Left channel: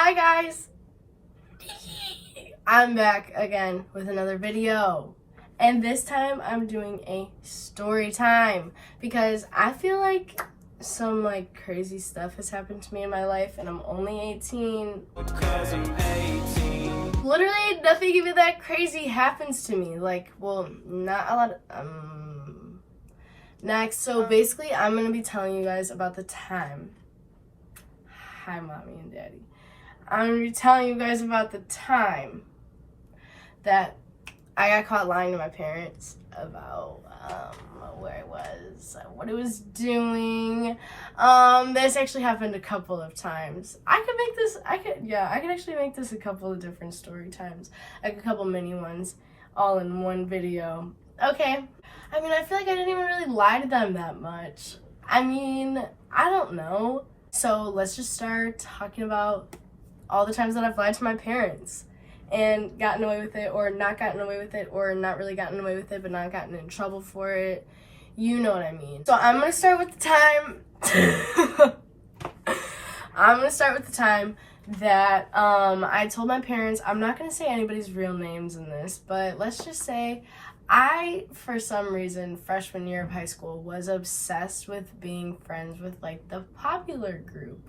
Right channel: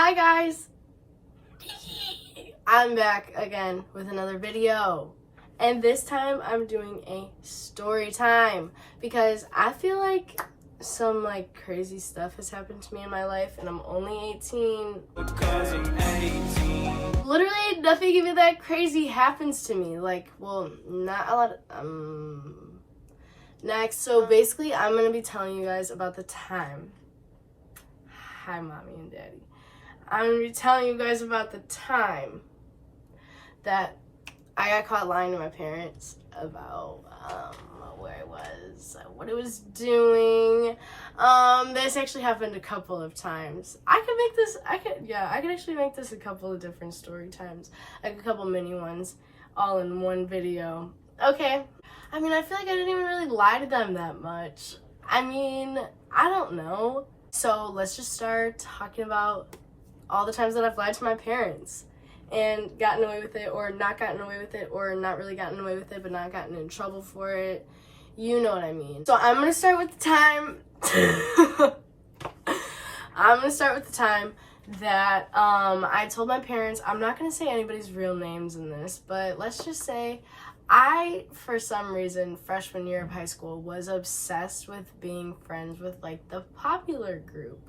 Hi guys, I'm back again with another video, and this time I'm doing a story time because I feel like some crazy stuff has happened to me in my life and I'm only 18. Because I'm 18. Literally nothing even that crazy happens to me, not a lot of, next. So basically I'm gonna be telling you guys about the time. Hi mommy and daddy. I'm going to be telling you guys about the time that I got caught lying to my parents about where I was, what I was doing. This actually happened a couple of times. I could actually make this a couple of different story times, like a couple mini ones, all in one video. Okay. I mean, I feel like I didn't even really lie to them that much. I mean, I don't know. So let's just start talking about all the times that I've lied to my parents and gotten away with it, or not gotten away with it, or not really gotten away with it but not gotten in trouble for it. You know what I mean. So I'm gonna start with the time that I told my parents. I'm not gonna say anybody's real names in this, but let's just say I, for some reason, freshman year of high school, was obsessed with being friends with the popular group.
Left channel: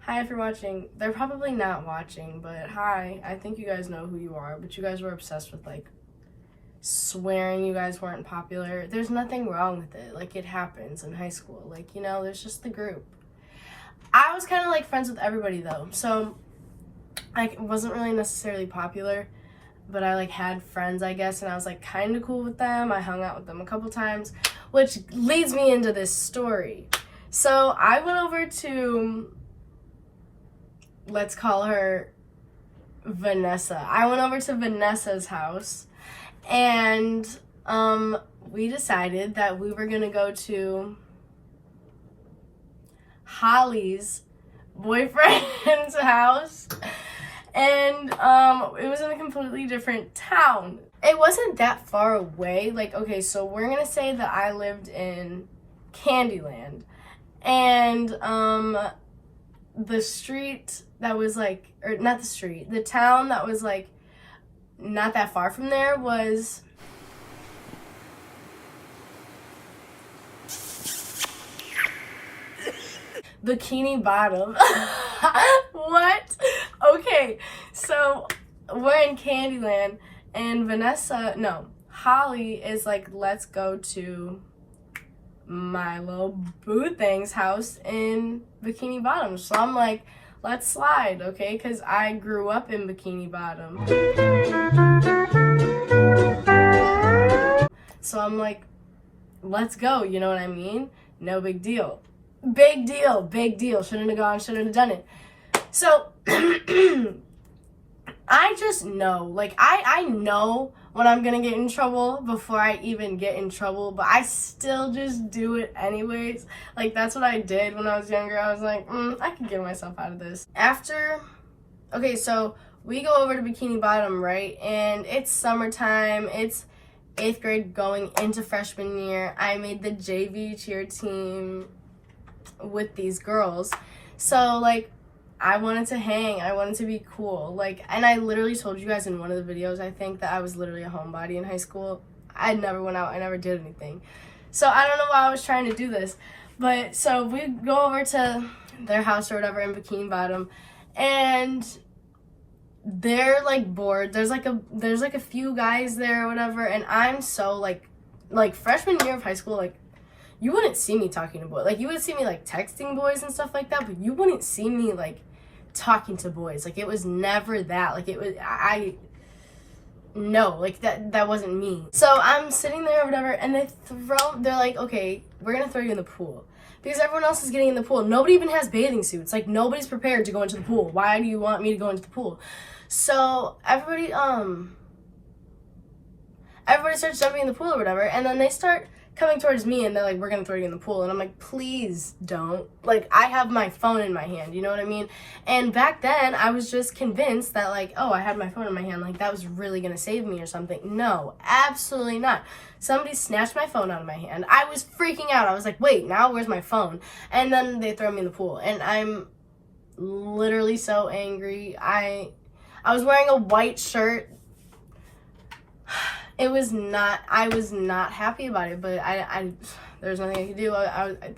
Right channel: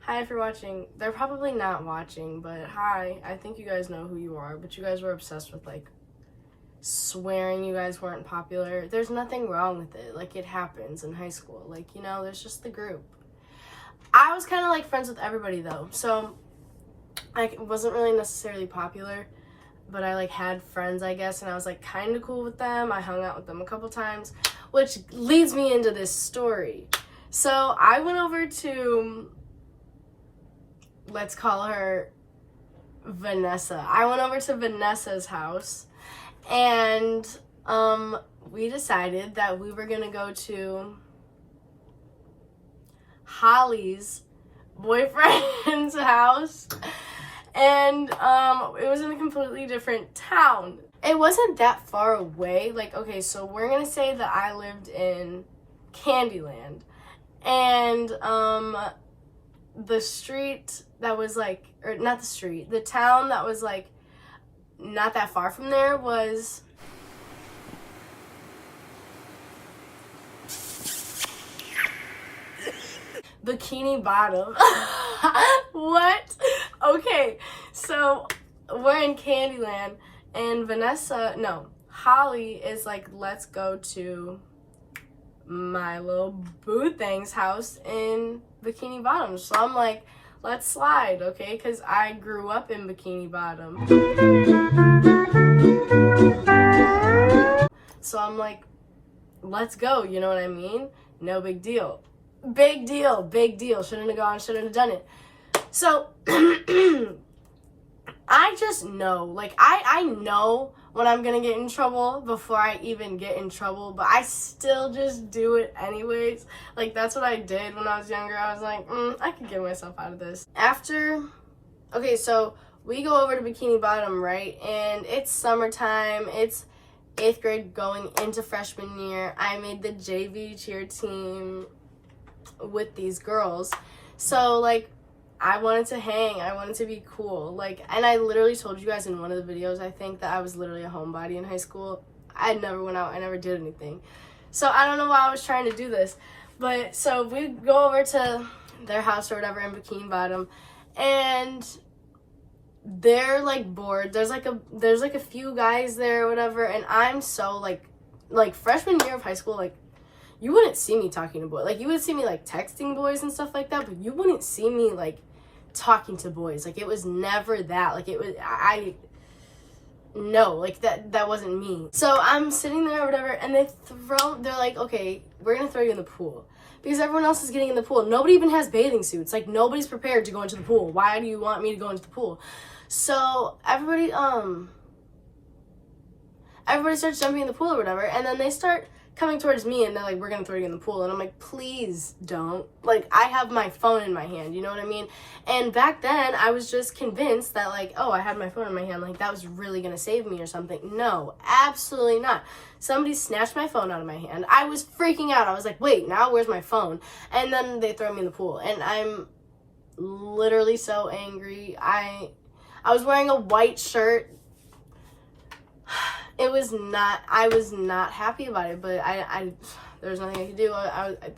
Hi, if you're watching. They're probably not watching, but hi. I think you guys know who you are, but you guys were obsessed with swearing you guys weren't popular. There's nothing wrong with it. It happens in high school. There's just the group. I was kind of friends with everybody though, so I wasn't really necessarily popular, but I had friends, I guess, and I was kind of cool with them. I hung out with them a couple times, which leads me into this story. So I went over to, let's call her Vanessa. I went over to Vanessa's house, and we decided that we were gonna go to Holly's boyfriend's house, and it was in a completely different town. It wasn't that far away. Okay, so we're gonna say that I lived in Candyland, and the street that was or not the street, the town that was not that far from there was Bikini Bottom. What? Okay, so we're in Candyland, and Holly is let's go to my little boo thing's house in Bikini Bottom. So I'm let's slide, okay? Because I grew up in Bikini Bottom. So I'm let's go, you know what I mean? No big deal. Big deal, big deal. Shouldn't have gone, shouldn't have done it. So I just know, I know when I'm gonna get in trouble before I even get in trouble, but I still just do it anyways. That's what I did when I was younger. I was I could get myself out of this. Okay, so we go over to Bikini Bottom, right? And it's summertime. It's 8th grade going into freshman year. I made the JV cheer team with these girls. So, I wanted to hang. I wanted to be cool. And I literally told you guys in one of the videos, I think, that I was literally a homebody in high school. I never went out. I never did anything. So I don't know why I was trying to do this. But so we go over to their house or whatever in Bikini Bottom, and they're bored. There's a few guys there or whatever, and I'm so freshman year of high school, you wouldn't see me talking to boys. You would see me texting boys and stuff like that, but you wouldn't see me talking to boys. It was never that. It was that wasn't me. So I'm sitting there or whatever, and they're okay, we're gonna throw you in the pool because everyone else is getting in the pool. Nobody even has bathing suits. Nobody's prepared to go into the pool. Why do you want me to go into the pool? So everybody starts jumping in the pool or whatever, and then they start coming towards me, and they're we're gonna throw you in the pool, and I'm please don't. I have my phone in my hand, you know what I mean? And back then I was just convinced that oh, I had my phone in my hand, that was really gonna save me or something. No, absolutely not. Somebody snatched my phone out of my hand. I was freaking out. I was wait, now where's my phone? And then they throw me in the pool, and I'm literally so angry. I was wearing a white shirt. I was not happy about it, but there was nothing I could do.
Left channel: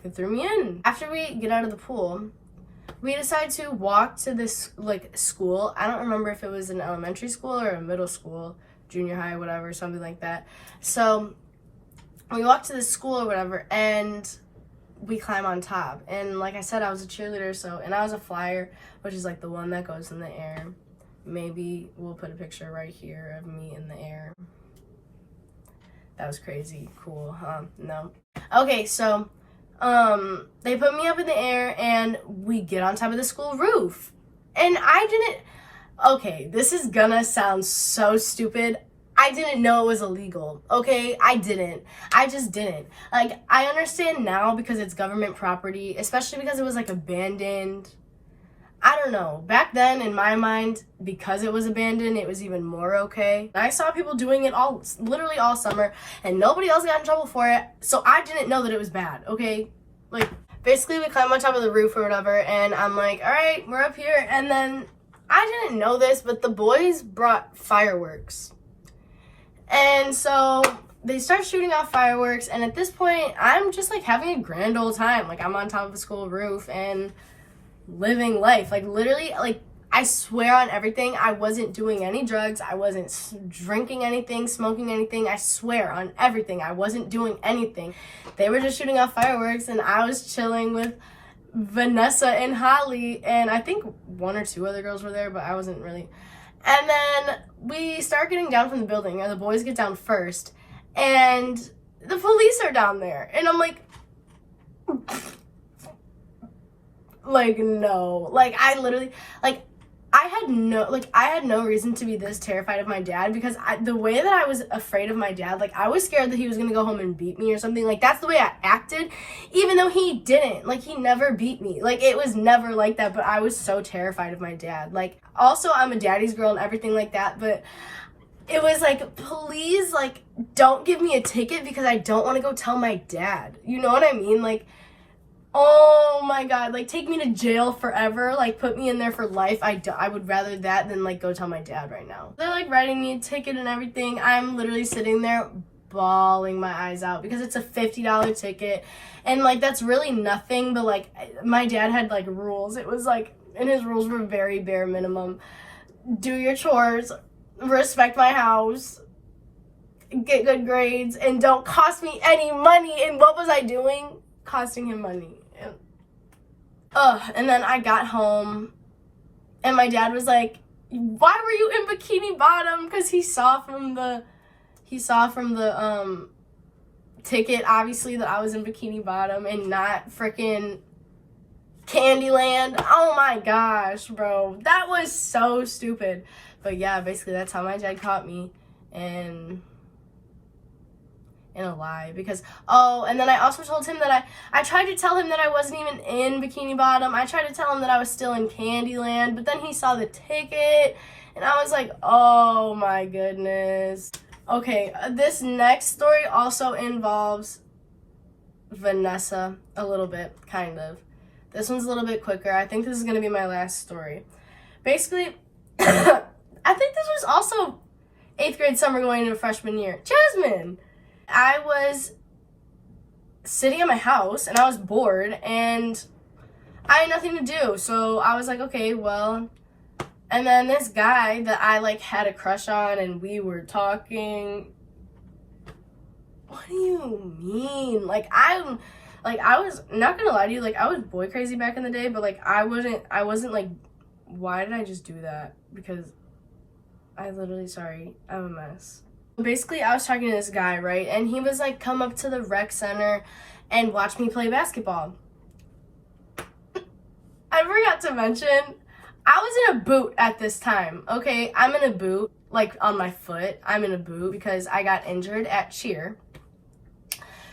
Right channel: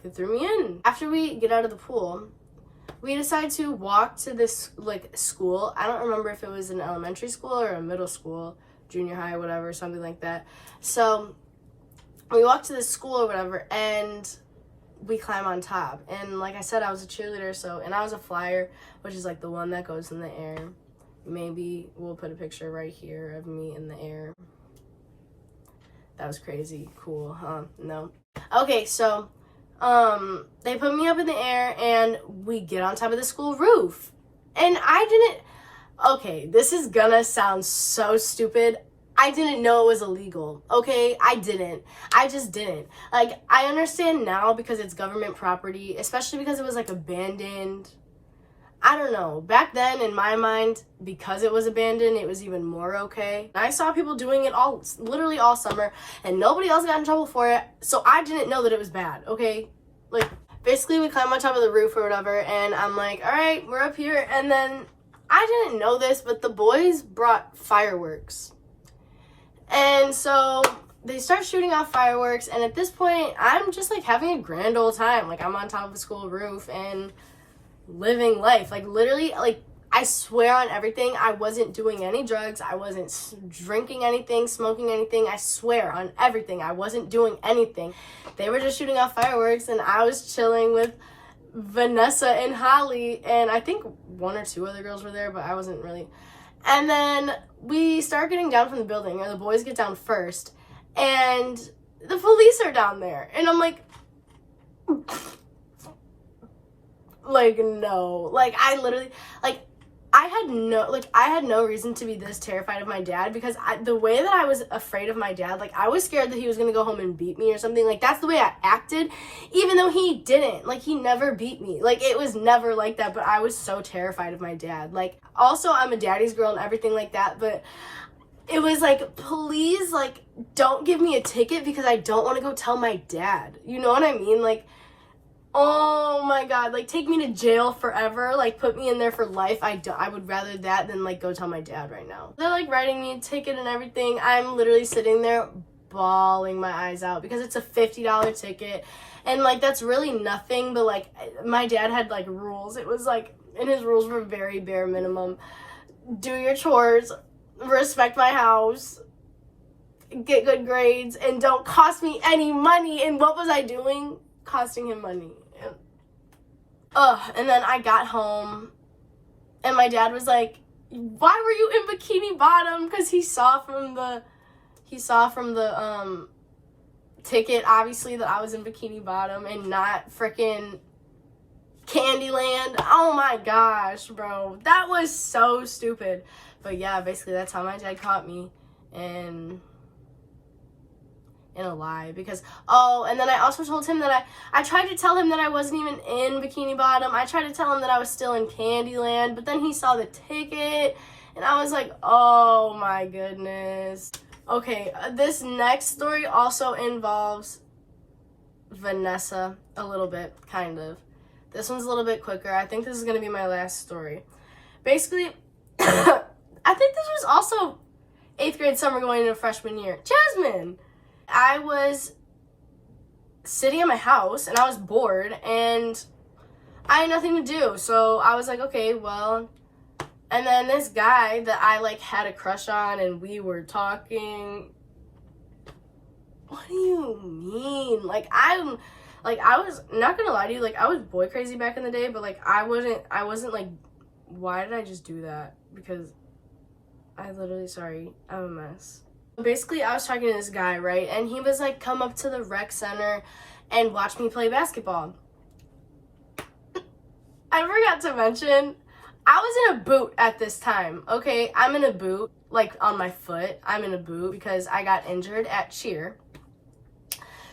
They threw me in. After we get out of the pool, we decided to walk to this like school. I don't remember if it was an elementary school or a middle school, junior high or whatever, something like that. So we walked to the school or whatever, and we climb on top. And like I said, I was a cheerleader, and I was a flyer, which is like the one that goes in the air. Maybe we'll put a picture right here of me in the air. That was crazy cool, huh? No. Okay, so they put me up in the air and we get on top of the school roof. And okay, this is gonna sound so stupid. I didn't know it was illegal, okay? I just didn't. Like, I understand now because it's government property, especially because it was like abandoned. I don't know. Back then, in my mind, because it was abandoned, it was even more okay. I saw people doing it literally all summer, and nobody else got in trouble for it, so I didn't know that it was bad, okay? Like, basically, we climb on top of the roof or whatever, and I'm like, all right, we're up here, and then I didn't know this, but the boys brought fireworks. And so they start shooting off fireworks, and at this point, I'm just, like, having a grand old time. Like, I'm on top of the school roof, and living life. Like, literally, like, I swear on everything, I wasn't doing any drugs. I wasn't drinking anything, smoking anything. I swear on everything. I wasn't doing anything. They were just shooting off fireworks, and I was chilling with Vanessa and Holly, and I think one or two other girls were there, but I wasn't really. And then we start getting down from the building, or the boys get down first, and the police are down there, and I'm like, no. Like, I literally, like, I had no reason to be this terrified of my dad, because the way that I was afraid of my dad, like, I was scared that he was gonna go home and beat me or something. Like, that's the way I acted, even though he didn't. Like, he never beat me. Like, it was never like that, but I was so terrified of my dad. Like, also, I'm a daddy's girl and everything like that, but it was like, please, like, don't give me a ticket because I don't want to go tell my dad. You know what I mean? Like, oh my god, like, take me to jail forever, like, put me in there for life. I would rather that than, like, go tell my dad right now. They're, like, writing me a ticket and everything. I'm literally sitting there bawling my eyes out because it's a $50 ticket, and, like, that's really nothing, but, like, my dad had, like, rules. It was, like, and his rules were very bare minimum. Do your chores, respect my house, get good grades, and don't cost me any money. And what was I doing? Costing him money. And then I got home, and my dad was like, why were you in Bikini Bottom? Because he saw from the ticket, obviously, that I was in Bikini Bottom and not freaking Candyland. Oh my gosh, bro. That was so stupid. But yeah, basically that's how my dad caught me, and in a lie. Because, and then I also told him that I tried to tell him that I wasn't even in Bikini Bottom. I tried to tell him that I was still in Candyland, but then he saw the ticket, and I was like, oh my goodness. Okay, this next story also involves Vanessa a little bit, kind of. This one's a little bit quicker. I think this is going to be my last story. Basically, I think this was also 8th grade summer going into freshman year. Jasmine! I was sitting at my house, and I was bored, and I had nothing to do. So I was like, okay, well. And then this guy that I, like, had a crush on, and we were talking. What do you mean? Like, I was not gonna lie to you, like, I was boy crazy back in the day, but, like, I wasn't like, why did I just do that? Because I'm a mess. Basically, I was talking to this guy, right? And he was like, come up to the rec center and watch me play basketball. I forgot to mention, I was in a boot at this time, okay? I'm in a boot, like, on my foot. I'm in a boot because I got injured at cheer.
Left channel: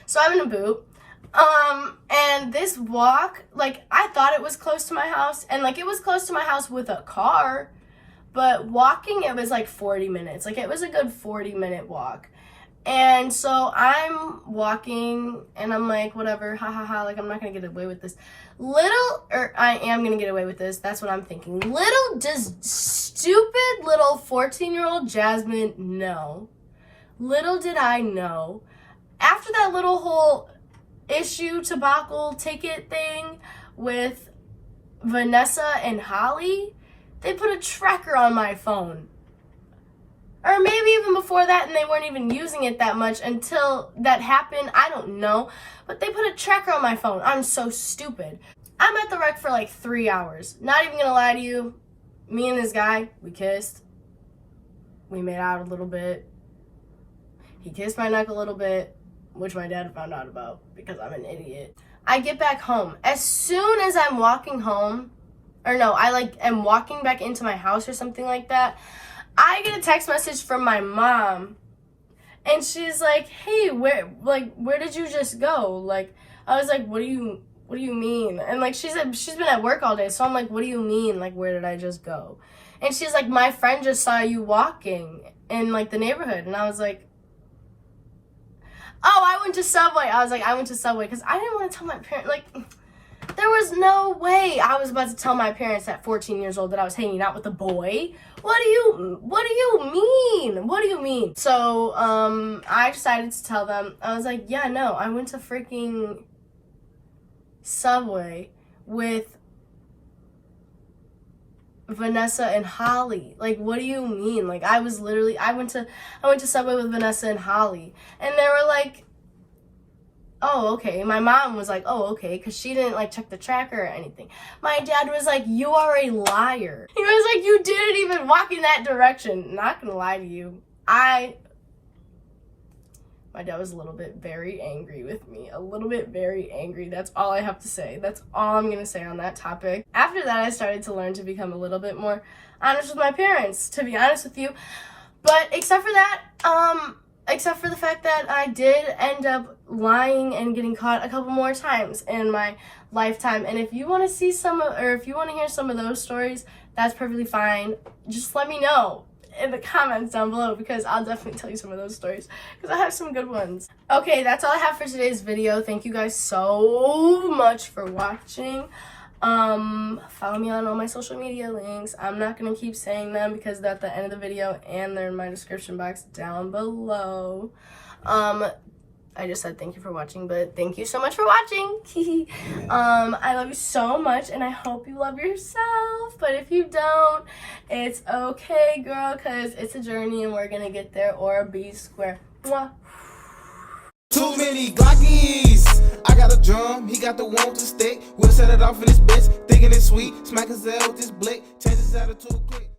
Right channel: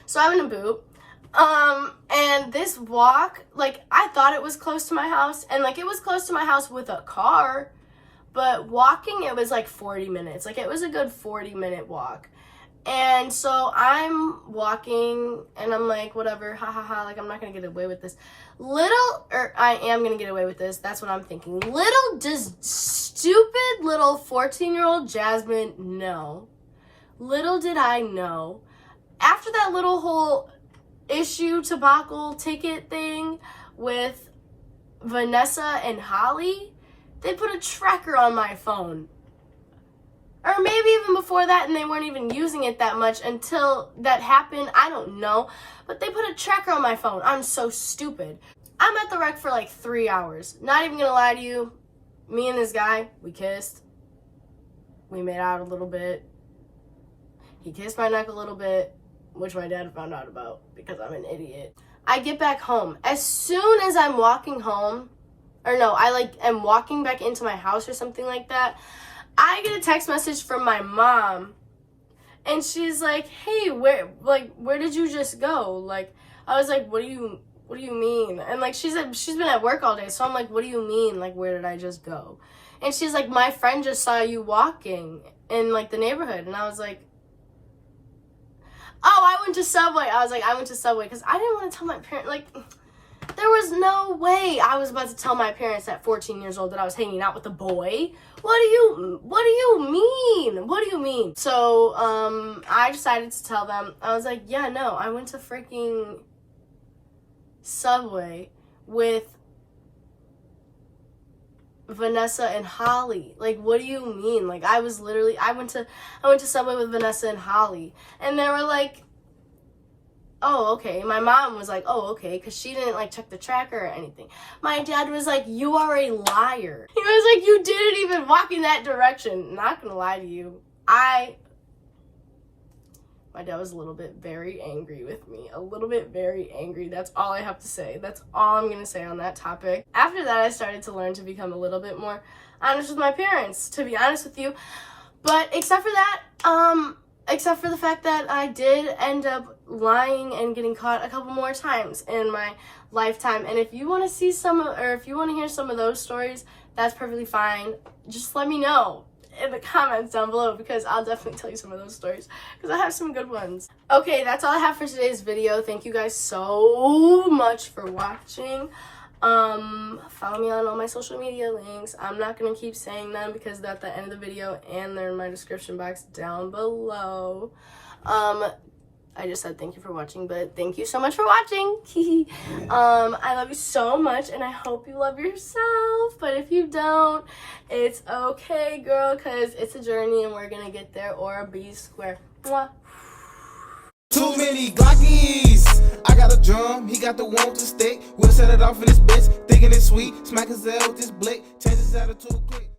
So I'm in a boot. And this walk, like, I thought it was close to my house, and, like, it was close to my house with a car, but walking, it was, like, 40 minutes. Like, it was a good 40-minute walk. And so I'm walking and I'm like, whatever, ha ha ha, like I'm not gonna get away with this. I am gonna get away with this, that's what I'm thinking. Little does stupid little 14-year-old Jasmine know. Little did I know. After that little whole issue, debacle, ticket thing with Vanessa and Holly, they put a tracker on my phone. Or maybe even before that, and they weren't even using it that much until that happened. I don't know. But they put a tracker on my phone. I'm so stupid. I'm at the wreck for like 3 hours. Not even gonna lie to you. Me and this guy, we kissed. We made out a little bit. He kissed my neck a little bit, which my dad found out about because I'm an idiot. I get back home. As soon as I'm walking home, or no, I am walking back into my house or something like that, I get a text message from my mom, and she's like, "Hey, where did you just go?" Like, I was like, "What do you mean?" And like, she said she's been at work all day, so I'm like, "What do you mean? Like, where did I just go?" And she's like, "My friend just saw you walking in like the neighborhood," and I was like, "Oh, I went to Subway." I was like, "I went to Subway," because I didn't want to tell my parents. Like, there was no way I was about to tell my parents at 14 years old that I was hanging out with a boy. What do you mean? What do you mean? So, I decided to tell them. I was like, yeah, no, I went to freaking Subway with Vanessa and Holly. Like, what do you mean? Like, I went to Subway with Vanessa and Holly. And they were like, oh, okay. My mom was like, oh, okay, because she didn't like check the tracker or anything. My dad was like, you are a liar. He was like, you didn't even walk in that direction. Not gonna lie to you. My dad was a little bit very angry with me. A little bit very angry. That's all I have to say. That's all I'm gonna say on that topic. After that, I started to learn to become a little bit more honest with my parents, to be honest with you. But except for that, except for the fact that I did end up lying and getting caught a couple more times in my lifetime. And if you want to see if you want to hear some of those stories, that's perfectly fine. Just let me know in the comments down below, because I'll definitely tell you some of those stories, because I have some good ones. Okay, that's all I have for today's video. Thank you guys so much for watching. Follow me on all my social media links. I'm not gonna keep saying them because they're at the end of the video and they're in my description box down below. I just said thank you for watching, but thank you so much for watching. I love you so much, and I hope you love yourself. But if you don't, it's okay, girl, because it's a journey and we're gonna get there, or be square. Mwah. Too many Glockies. I got a drum, he got the one with the stick. We'll set it off in this bitch, thinking it's sweet. Smack his head with this blick, change his attitude quick.